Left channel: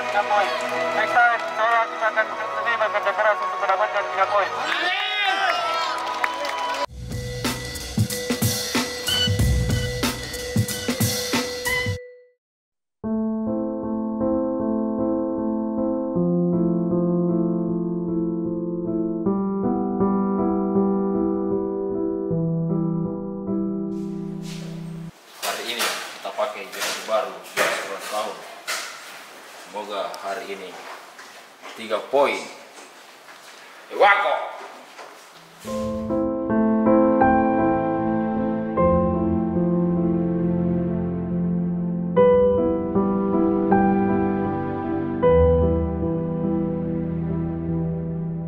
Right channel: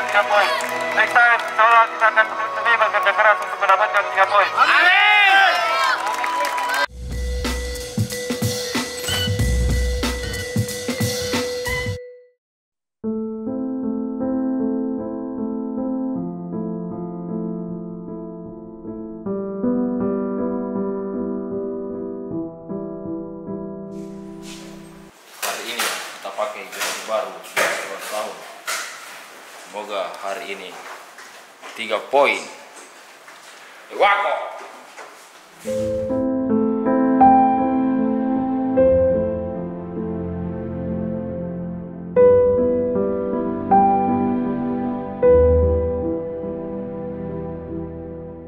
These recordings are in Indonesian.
mendapatkan 3 poin. Next time, insya Allah kita akan lebih bekerja keras untuk mendapatkan 3 poin. Hari ini kita pakai jersey baru 11 tahun. Semoga hari ini 3 poin. Wako.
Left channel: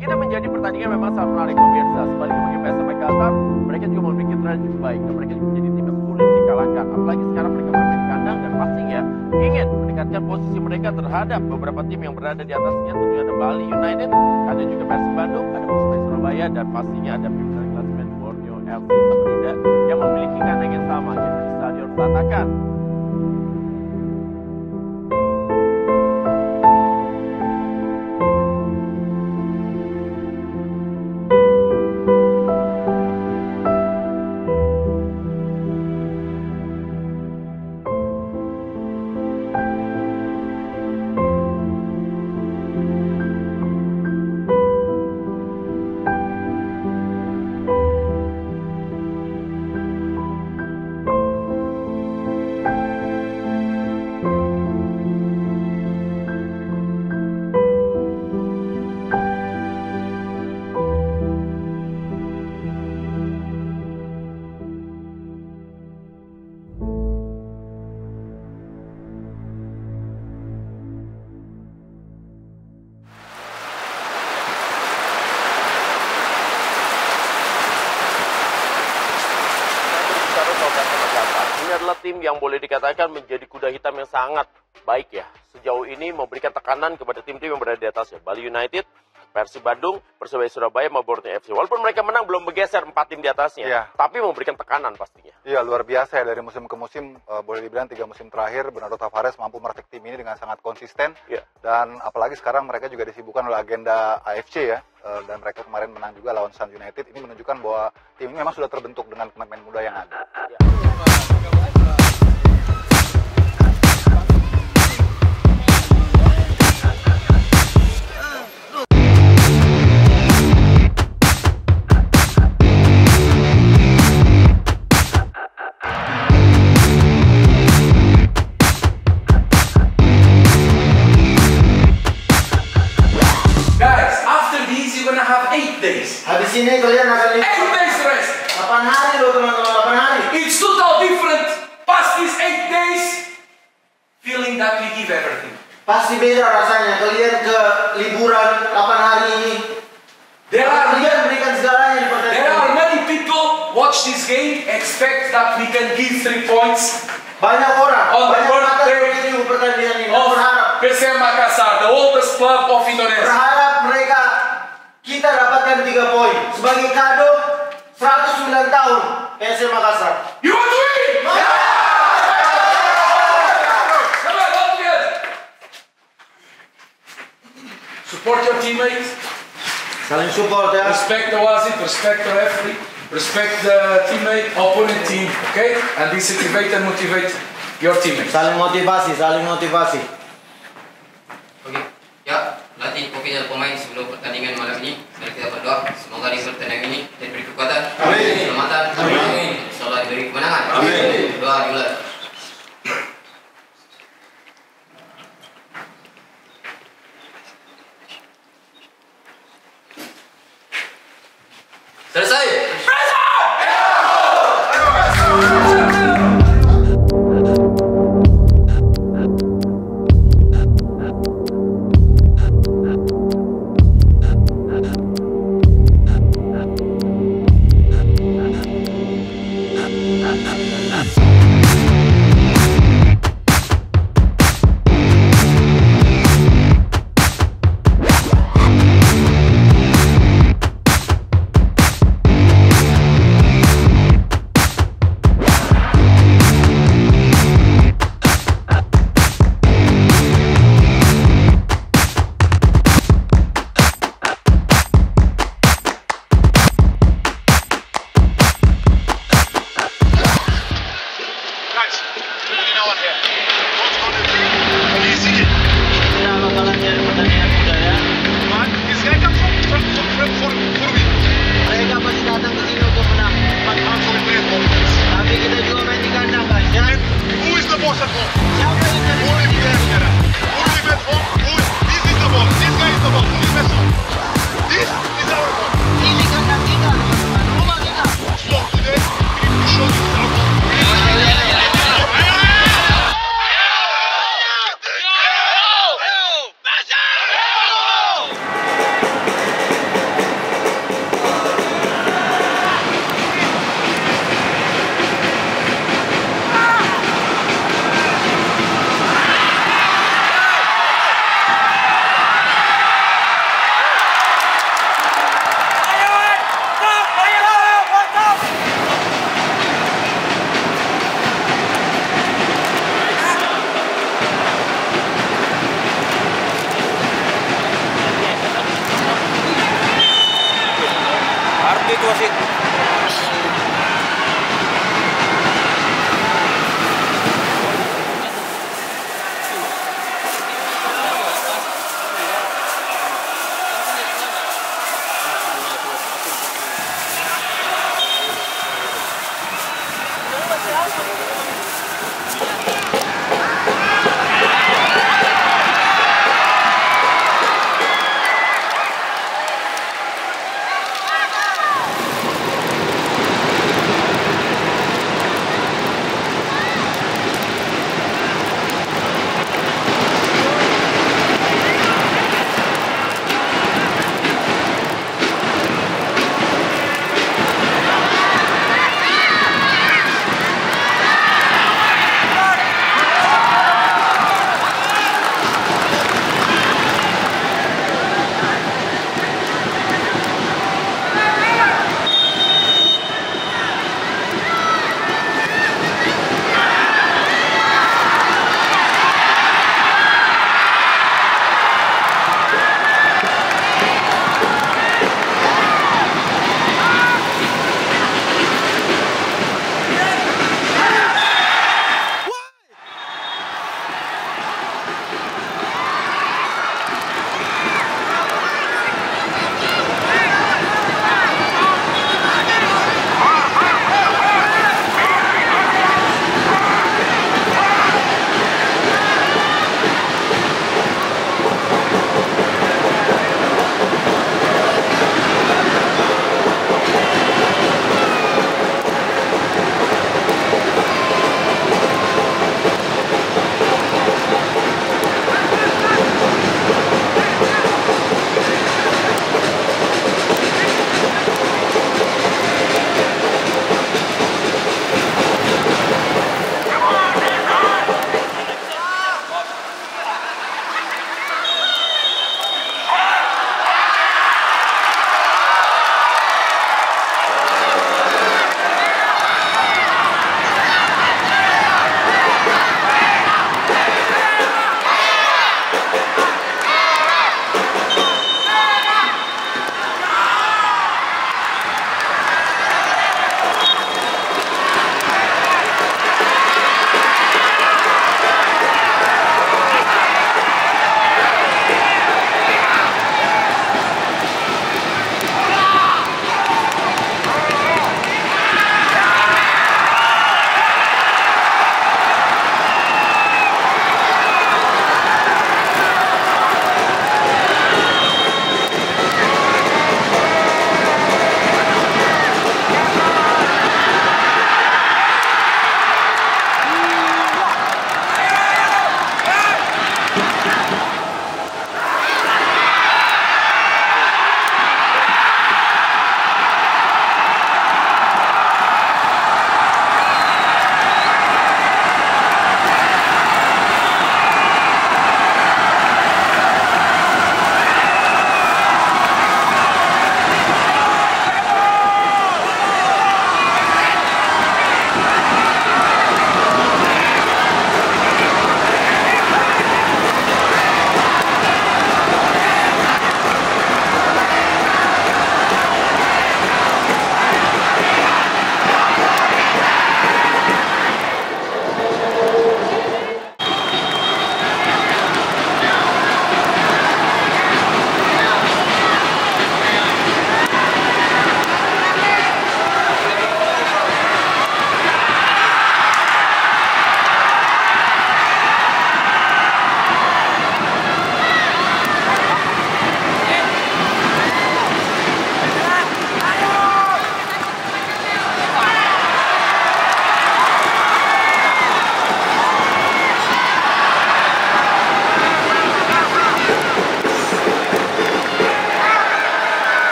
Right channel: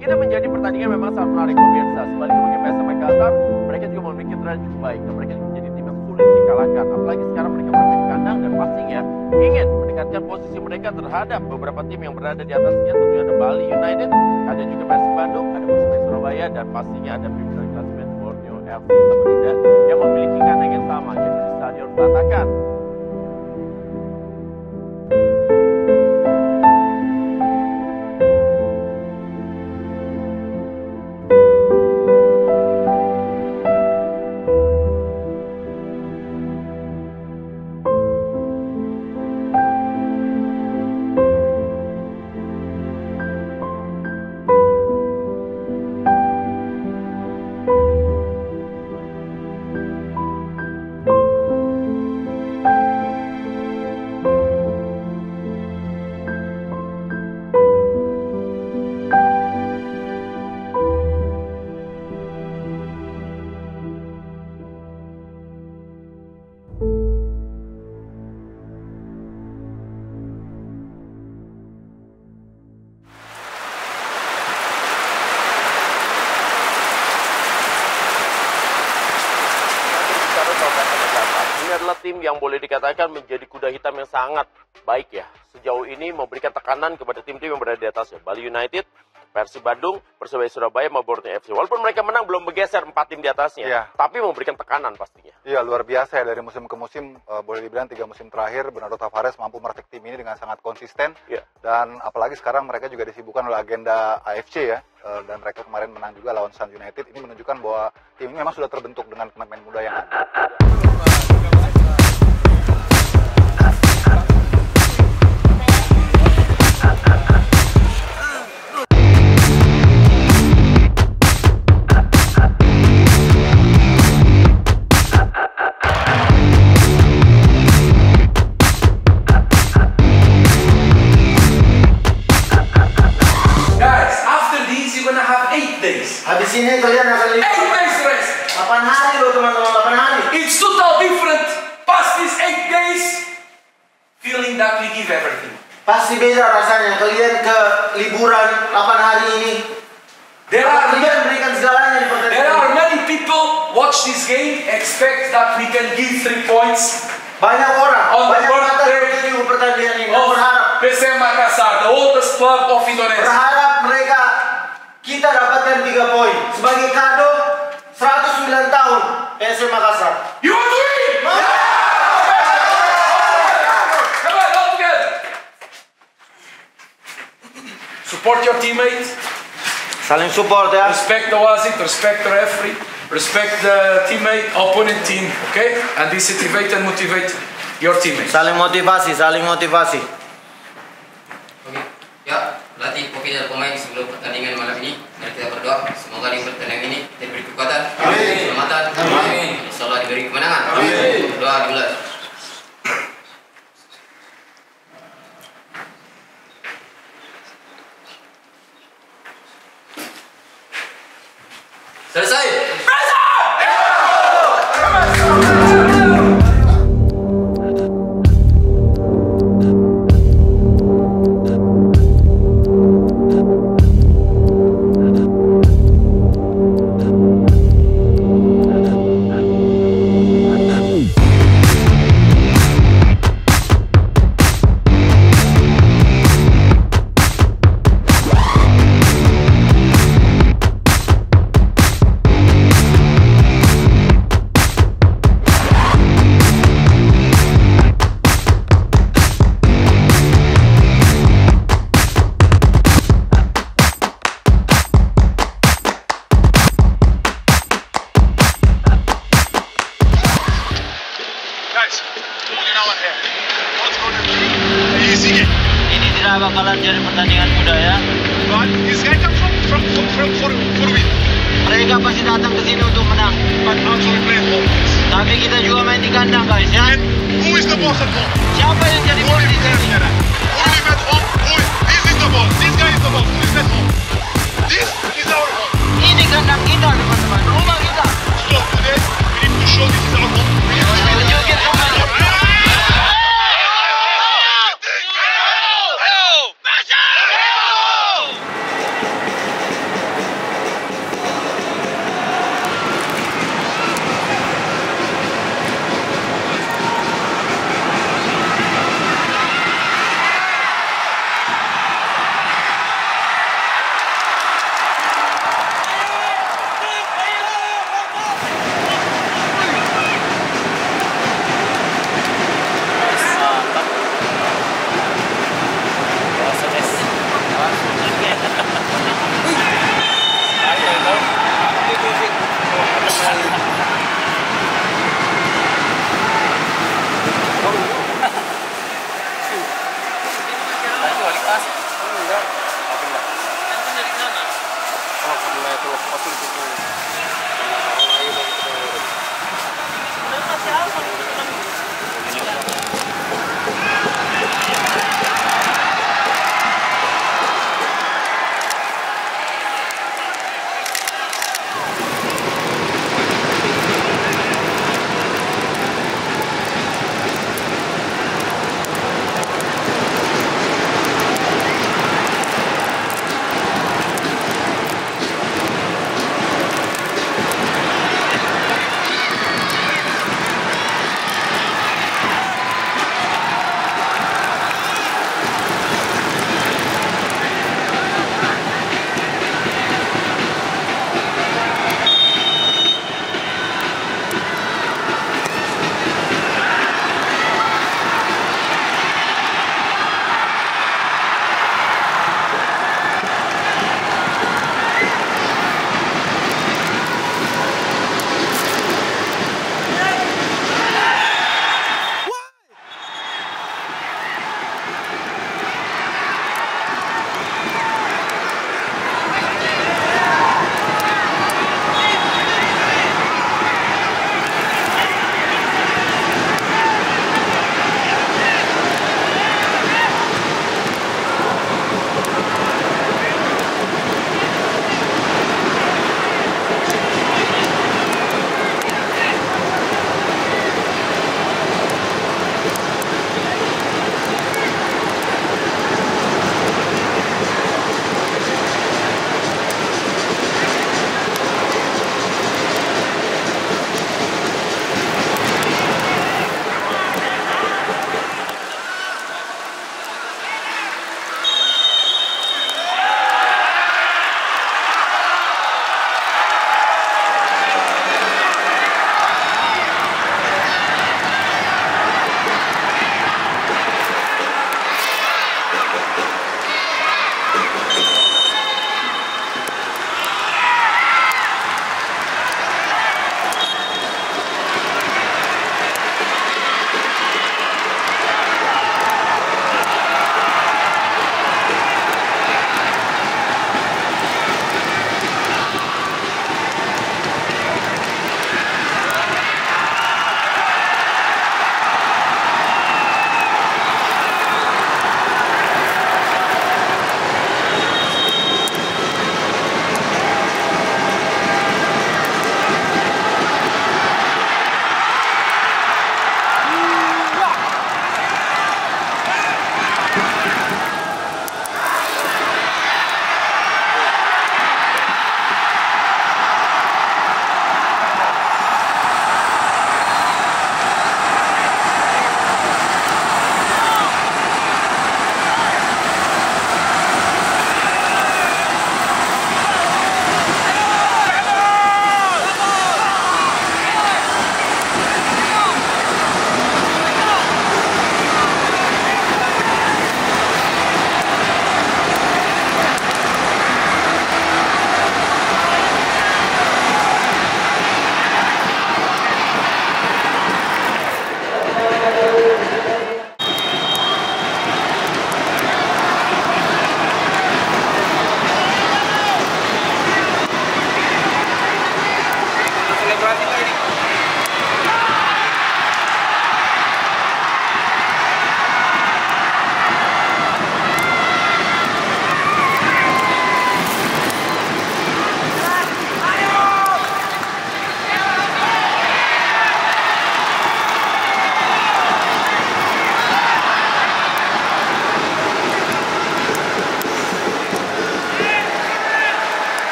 Ini menjadi pertandingan memang sangat menarik pemirsa. Sebaliknya bagi PSM Makassar, mereka juga memiliki tren cukup baik dan mereka menjadi tim yang sulit dikalahkan. Apalagi sekarang mereka bermain di kandang dan pastinya ingin meningkatkan posisi mereka terhadap beberapa tim yang berada di atasnya. Tentunya ada Bali United, ada juga Persib Bandung, ada Persebaya Surabaya dan pastinya ada pimpinan klasemen Borneo FC Samarinda yang memiliki kandang yang sama, yaitu di Stadion Pelatakan. Ini adalah tim yang boleh dikatakan menjadi kuda hitam yang sangat baik ya. Sejauh ini memberikan tekanan kepada tim-tim yang berada di atasnya. Bali United, Persib Bandung, Persebaya Surabaya, maupun Borneo FC. Walaupun mereka menang belum bergeser 4 tim di atasnya, tapi memberikan tekanan pastinya. Iya, luar biasa ya, dari musim ke musim, boleh dibilang 3 musim terakhir Bernardo Tavares mampu merakit tim ini dengan sangat konsisten. Dan apalagi sekarang mereka juga disibukkan oleh agenda AFC ya. Dan mereka kemarin menang juga lawan Sun United. Ini menunjukkan bahwa tim ini memang sudah terbentuk dengan pemain muda yang ada. Habis ini kalian akan lihat 8 days rest. 8 hari loh teman-teman, 8 hari. It's total different. Past these 8 days, feeling that we give everything. Pasti beda rasanya kalian ke liburan 8 hari ini. Kalian berikan segalanya di pertandingan. There are many people watch this game expect that we can give 3 points. Banyak orang, On the banyak mata birthday di pertandingan ini. of Berharap, PSM Makassar, the oldest club of Indonesia. berharap mereka kita dapatkan 3 poin sebagai kado 109 tahun PSM Makassar. You want to win? Come on, all together. Support your teammates. Saling support ya. Respect the wasit, respect the referee, respect the teammate, opponent team, okay? And motivate and motivate your teammates. Saling motivasi, saling motivasi. Oke, ya, latih oke dari pemain sebelum pertandingan malam ini. Mari kita berdoa, semoga di pertandingan ini diberi kekuatan, keselamatan, insyaallah diberi kemenangan. Amin. Doa dimulai. Selesai. bakalan jadi pertandingan mudah ya. But this guy comes for win. Mereka pasti datang ke sini untuk menang. But also we play at home. Tapi kita juga main di kandang guys ya. And who is the boss at home? Siapa yang jadi Who live boss? there? Who live at home? This is the boss. This guy is the boss. Who lives at home? This is our home. Ini kandang kita teman-teman, rumah kita. So today we need to show this to our home.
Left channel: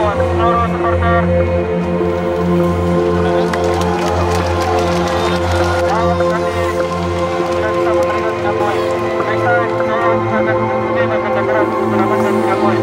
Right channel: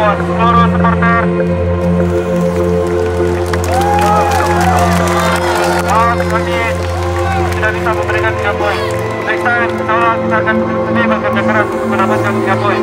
buat seluruh supporter. Maaf kami tidak bisa memberikan 3 poin. Next time, insya Allah kita akan lebih bekerja keras untuk mendapatkan 3 poin.